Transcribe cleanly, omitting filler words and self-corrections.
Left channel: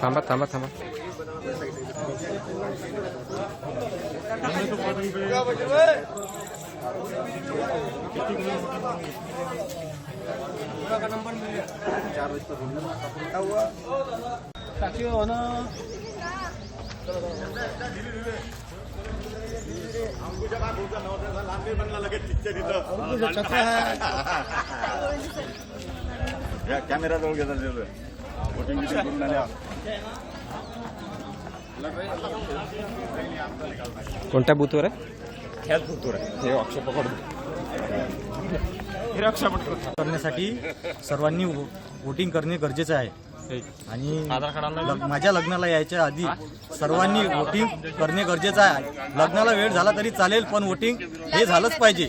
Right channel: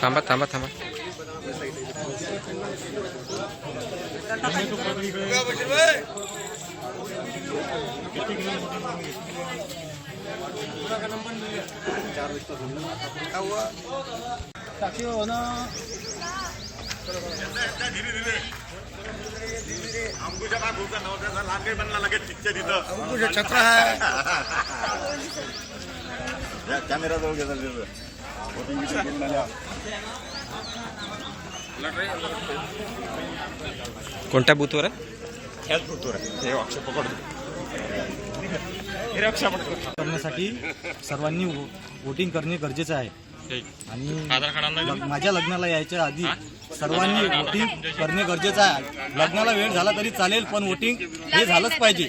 थांबा थांबा थांबा. कॅमेरा जवळ घेतात कोणत्या बूथवर? ह्याच बूथवर हे अक्ष पकडून करण्यासाठी सर्वांनी वोटिंग करणे गरजेचे आहे. आणि माझ्या लग्नाला यायच्या आधी सर्वांनी वोटिंग करणे गरजेचं आहे. लग्नाला वेळ झाला तरी चालेल, पण वोटिंग हे झालंच पाहिजे.